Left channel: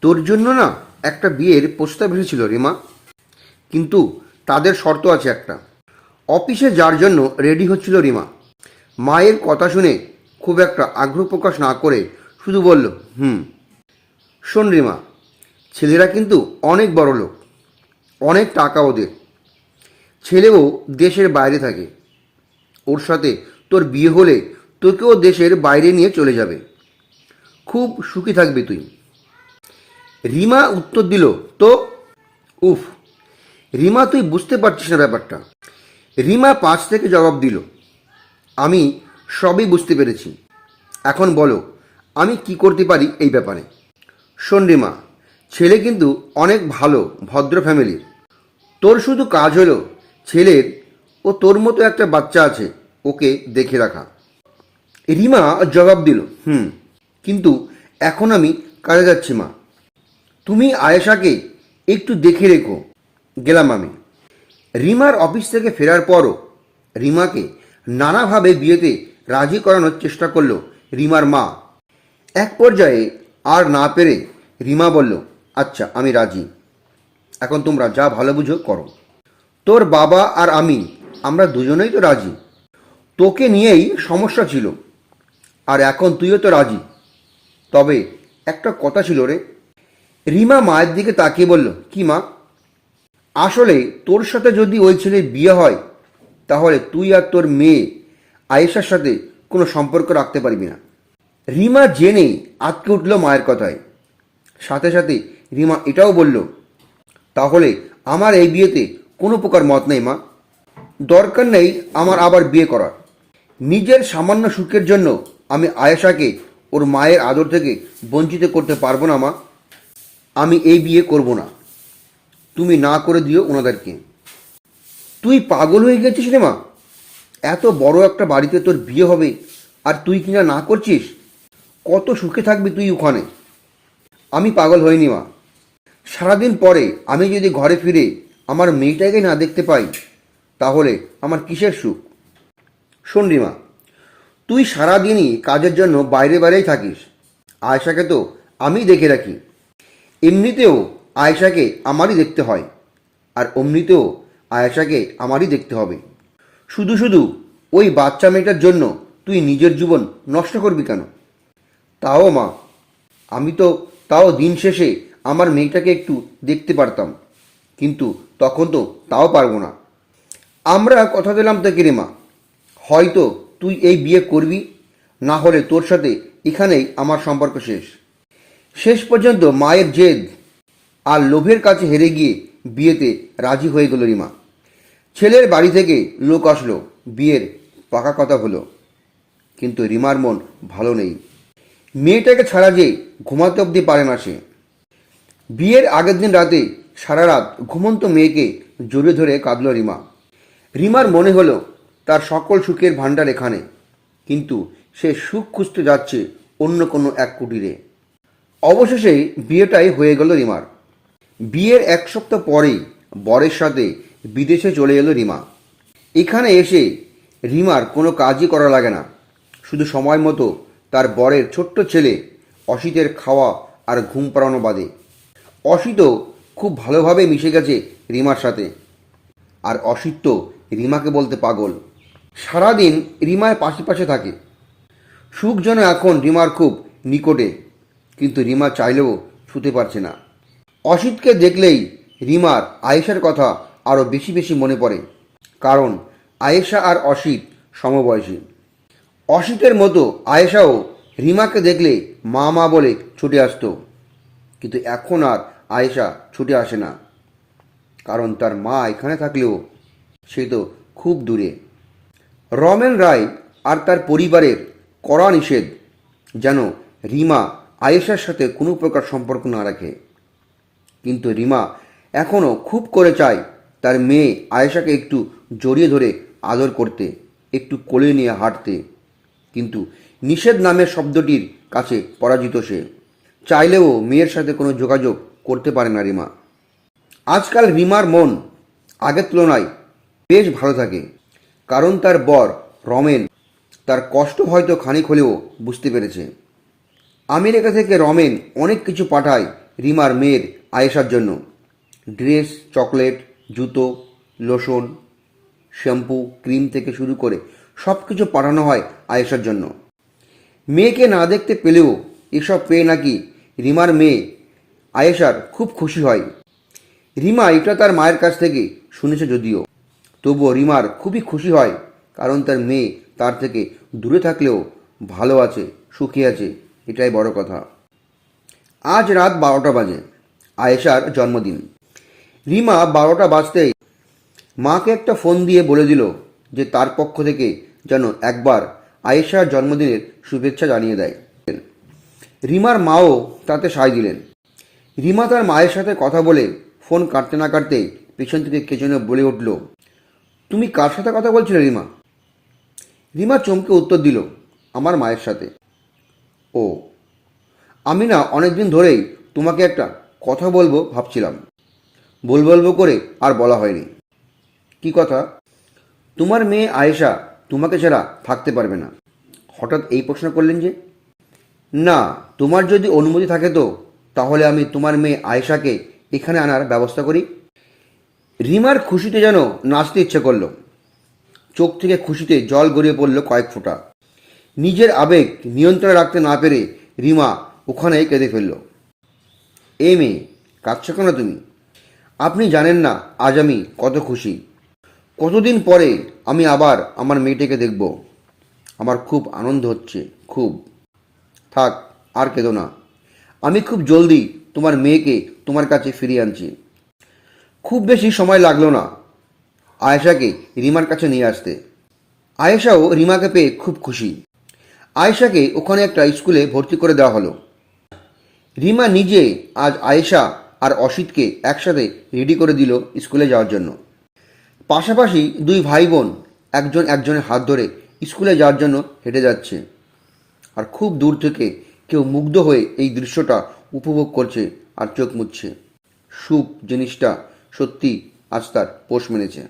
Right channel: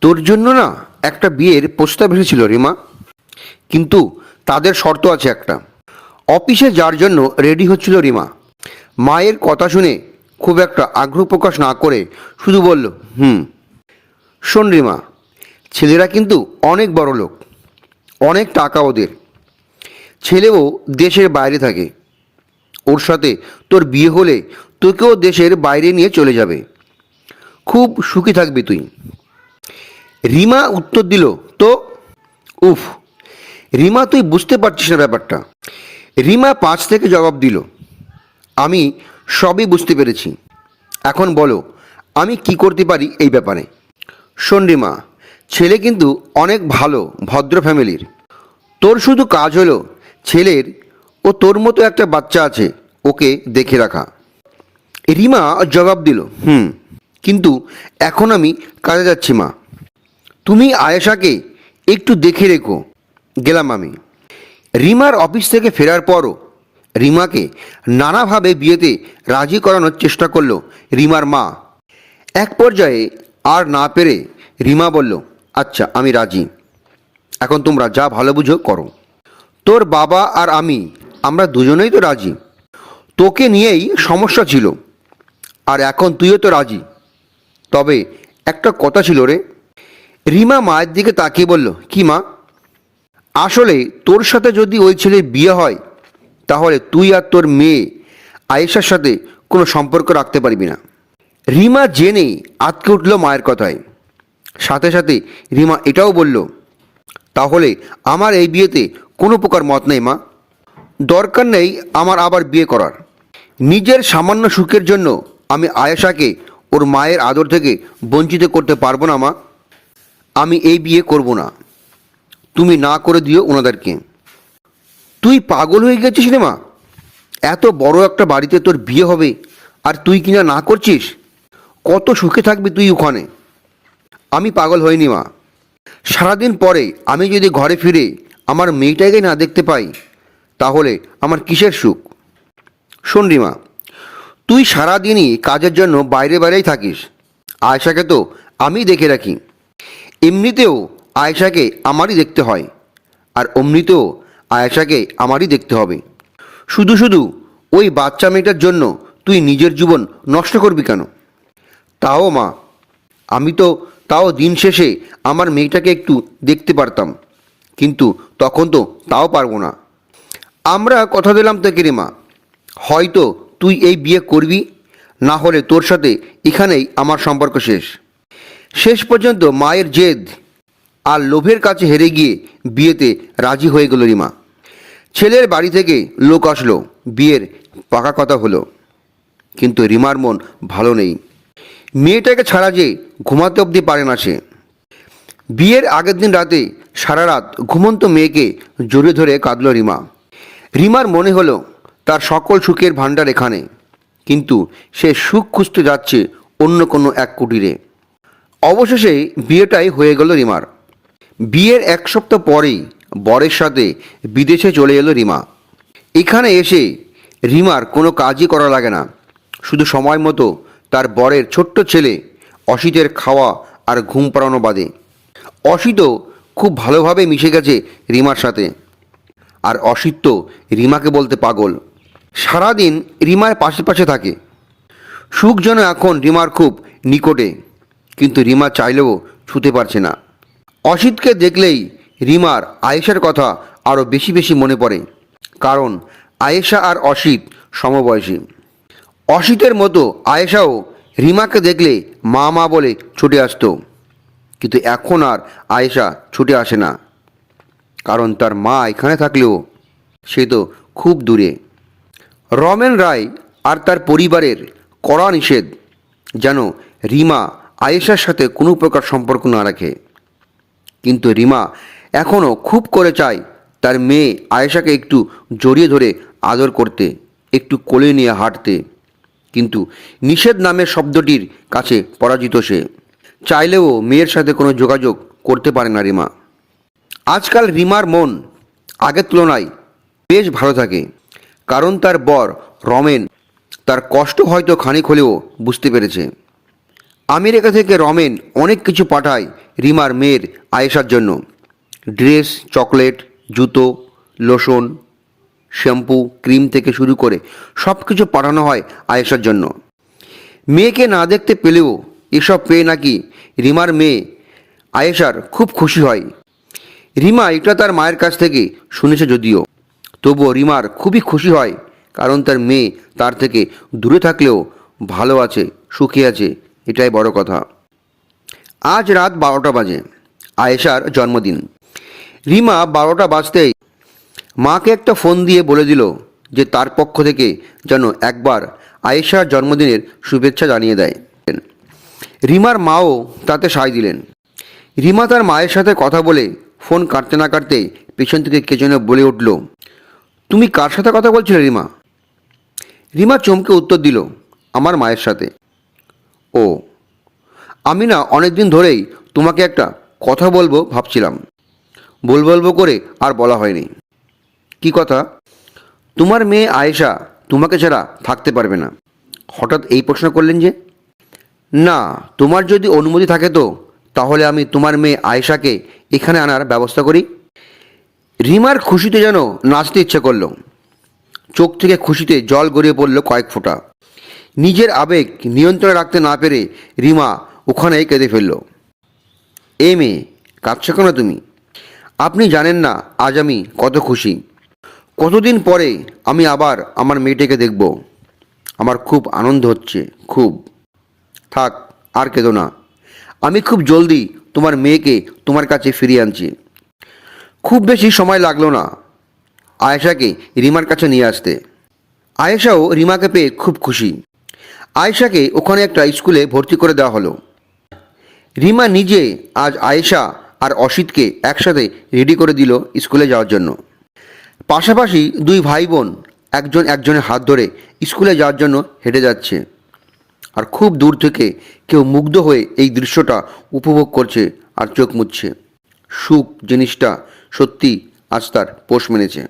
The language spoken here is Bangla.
তোর জন্য না একটা বিয়ের প্রস্তাব এসেছিল রিমা কিন্তু তাদের শর্ত আছে একটা। অফিসে যার জন্য রেডি হচ্ছিল রিমা। মায়ের কথা শুনে খুব একটা আগ্রহ প্রকাশ না করে শুধু বলল, হুম, শোন রিমা, ছেলেরা কিন্তু অনেক বড় লোক, অনেক টাকা ওদের। ছেলেও দেশের বাইরে থাকে। ওর সাথে তোর বিয়ে হলে তোকেও দেশের বাইরে নিয়ে চলে যাবে। খুব সুখী থাকবি তুই। রিমা উত্তর দিল, তো? উফ, রিমা, তুই বুঝতে পারছিস না ব্যাপারটা। রিমা পাঁচ থেকে জবাব দিল, আমি সবই বুঝতে পেরেছি। এখন বলো, আমি কি করতে পারি এই ব্যাপারে? শোন রিমা, ছেলে কিন্তু অনেক ভালো, ভদ্র ফ্যামিলির। তোর শুধু কাজ হলো ছেলের ও তোর মতো একটা বাচ্চা আছে, ওকে দেখে রাখা। রিমা জবাব দিল, হুম, কিন্তু এখন আমি কাজে যাচ্ছি মা। তুমি আয়েশাকে একটু দেখে রেখো। গেলাম আমি। রিমার অফিস থেকে ফেরার পরও রিমাকে নানাভাবে বিয়েতে রাজি করানোর চেষ্টা করল রিমার মা। এক পর্যায়ে আর না পেরে রিমা বলল আচ্ছা আমি রাজি। এখন তোমরা যা ভালো বুঝো করো। তোর বাবা আর আমি, আমরা দুজনেই তো রাজি। তোকে নিয়েই সমস্যা ছিল। আর এখন তুইও তো রাজি। তবে একটা কথা ছিল রে রিমা মায়ের দিকে তাকিয়ে বলল, কি মা? আসলে তোর সাথে যদি ওই ছেলের বিয়ে হয়, তাহলে তুই আর তোর মেয়ে আয়েশার সাথে কোনো সম্পর্ক রাখতে পারবি না। রিমা জেনে আটকে উঠল মায়ের কথায়। সাথে সাথে রিমা এটাও বলল, তাহলে আমার এই বিয়েতে কোনো প্রকার মত নেই মা। দরকার নেই আমার আবার বিয়ে করার। নিজের সামান্য সুখের জন্য আমি আয়েশাকে ওর মায়ের আদর থেকে বঞ্চিত করতে পারব না মা। আমি এই বিয়ে করব না। তুমি না করে দিও ওনাদেরকে। তুই পাগল হয়ে গেছিস রে মা। এত বড় একটা বাড়িতে তোর বিয়ে হবে আর তুই কিনা না করছিস? কত সুখে থাকবি তুই ওখানে। আমি পাগল হইনি মা। সারাদিন পরে আমি যদি ঘরে ফিরে আমার মেয়েটাকে না দেখতে পাই, তাহলে আমার কিসের সুখ? শোন রিমা তুই সারাদিনই কাজের জন্য বাইরে বাইরেই থাকিস। আয়সাকে তো আমি দেখে রাখি। এমনিতেও আয়েশাকে আমারই দেখতে হয়, আর অমনিতেও আয়েশাকে আমারই দেখতে হবে। শুধু শুধু ওই বাচ্চা মেয়েটার জন্য তুই নিজের জীবন নষ্ট করবি কেন? তাও মা, আমি তো তাও দিন শেষে আমার মেয়েটাকে একটু দেখতে পারতাম, কিন্তু তখন তো তাও পারব না। আমরা কথা দিলাম তোকে রে মা, হয়তো তুই এই বিয়ে করবি, না হলে তোর সাথে এখানেই আমার সম্পর্ক শেষ। শেষ পর্যন্ত মায়ের জেদ আর লোভের কাছে হেরে গিয়ে বিয়েতে রাজি হয়ে গেল রিমা। ছেলের বাড়ি থেকে লোক আসলো, বিয়ের পাকা কথা হলো। কিন্তু রিমার মন ভালো নেই। মেয়েটাকে ছাড়া যে ঘুমাতে অবধি পারে না সে। বিয়ের আগের দিন রাতে সারা রাত ঘুমন্ত মেয়েকে জড়িয়ে ধরে কাঁদল রিমা। রিমার মনে হলো তার সকল সুখের ভাণ্ডার এখানে, কিন্তু সে সুখ খুঁজতে যাচ্ছে অন্য কোনো এক কুটিরে। অবশেষে বিয়েটাই হয়ে গেল রিমার। বিয়ের এক সপ্তাহ পরেই বরের সাথে বিদেশে চলে এলো রিমা। এখানে এসে রিমার কোনো কাজই করা লাগে না। শুধু সময় মতো তার বরের ছোট্ট ছেলে অসিতের খাওয়া আর ঘুম পাড়ানো বাদে। অসিতও খুব ভালোভাবে মিশে গেছে রিমার সাথে। আর অসিত তো রিমাকে বলতে পাগল। সারাদিন রিমার পাশে পাশে থাকে। সুখ যেন এখন রিমার খুব নিকটে। কিন্তু রিমা চাইলেও ছুতে পারছে না। অসিতকে দেখলেই রিমার আয়েশার কথা আরও বেশি বেশি মনে পড়ে, কারণ আয়েশা আর অসিত সমবয়সী। অসিতের মতো আয়েশাও রিমাকে দেখলে মা মা বলে ছুটে আসতো, কিন্তু এখন আর আয়েশা ছুটে আসে না, কারণ তার মা এখানে থাকলেও সে তো খুব দূরে। রমেন রায় আর তার পরিবারের কড়া নিষেধ যেন রিমা আয়েশার সাথে কোনো প্রকার সম্পর্ক না রাখে। কিন্তু রিমা এখনও খুব করে চায় তার মেয়ে আয়েশাকে একটু জড়িয়ে ধরে আদর করতে, একটু কোলে নিয়ে হাঁটতে। কিন্তু নিষেধ নামের শব্দটির কাছে পরাজিত সে। চাইলেও মেয়ের সাথে কোনো যোগাযোগ করতে পারে না রিমা। আজকাল রিমার মন আগের তুলনায় বেশ ভালো থাকে, কারণ তার বর রমেন তার কষ্ট হয়তো খানিক হলেও বুঝতে পেরেছে। আমেরিকা থেকে রমেন অনেক কিছু পাঠায় রিমার মেয়ের আয়েশার জন্য। ড্রেস, চকলেট, জুতো, লোশন, শ্যাম্পু, ক্রিম থেকে শুরু করে সব কিছু পাঠানো হয় আয়েশার জন্য। মেয়েকে না দেখতে পেলেও এসব পেয়ে নাকি রিমার মেয়ে আয়েশার খুব খুশি হয়। রিমা এটা তার মায়ের কাছ থেকে শুনেছে যদিও। তবুও রিমার খুবই খুশি হয় কারণ তার মেয়ে তার থেকে দূরে থাকলেও ভালো আছে, সুখী আছে। এটাই বড় কথা। আজ রাত বারোটা বাজে, আয়েশার জন্মদিন। রিমা বারোটা বাজতেই মাকে একটা ফোন দিয়ে বলে দিল যে তার পক্ষ থেকে যেন একবার আয়েশার জন্মদিনের শুভেচ্ছা জানিয়ে দেয়। রিমার মাও তাতে সায় দিলেন। রিমা তার মায়ের সাথে কথা বলে ফোন কাটতে না কাটতে পেছন থেকে কে যেন বলে উঠল, তুমি কার সাথে কথা বলছিলে রিমা? রিমা চমকে উত্তর দিল, আমার মায়ের সাথে। ও। আমি না অনেক দিন ধরেই তোমাকে একটা কথা বলব ভাবছিলাম। বল বলব করে আর বলা হয়নি। কি কথা? তোমার মেয়ে আয়েশা তোমাকে ছাড়া থাকতে পারবে না। হঠাৎ এই প্রশ্ন করলেন যে, না, তোমার যদি অনুমতি থাকে তো, তাহলে আমি তোমার মেয়ে আয়েশাকে এখানে আনার ব্যবস্থা করি। রিমার খুশিতে যেন নাচতে ইচ্ছে করল। চোখ থেকে খুশিতে জল গড়িয়ে পড়ল কয়েক ফোঁটা। নিজের আবেগ নিয়ন্ত্রণে রাখতে না পেরে রিমা ওখানেই কেঁদে ফেলল। এ মেয়ে, কাঁদছো কেন তুমি? আপনি জানেন না আজ আমি কত খুশি। কতদিন পরে আমি আবার আমার মেয়েটাকে দেখব। আমার খুব আনন্দ হচ্ছে, খুব। থাক, আর কেঁদো না। আমি খুব জলদি তোমার মেয়েকে তোমার কাছে ফিরিয়ে আনছি। খুব বেশি সময় লাগল না আয়েশাকে রিমার কাছে নিয়ে আসতে। আয়েশাও রিমাকে পেয়ে খুব খুশি। আয়েশাকে ওখানে একটা স্কুলে ভর্তি করে দেওয়া হলো। রিমা নিজে আজ আয়েশা আর অসিতকে একসাথে রেডি করে দিল স্কুলে যাওয়ার জন্য। পাশাপাশি দুই ভাই বোন একজন একজনের হাত ধরে স্কুলে যাওয়ার জন্য হেঁটে যাচ্ছে। আর খুব দূর থেকে কেউ মুগ্ধ হয়ে এই দৃশ্যটা উপভোগ করছে আর চোখ মুছছে। সুখ জিনিসটা সত্যি আজ তার পোষ মেনেছে।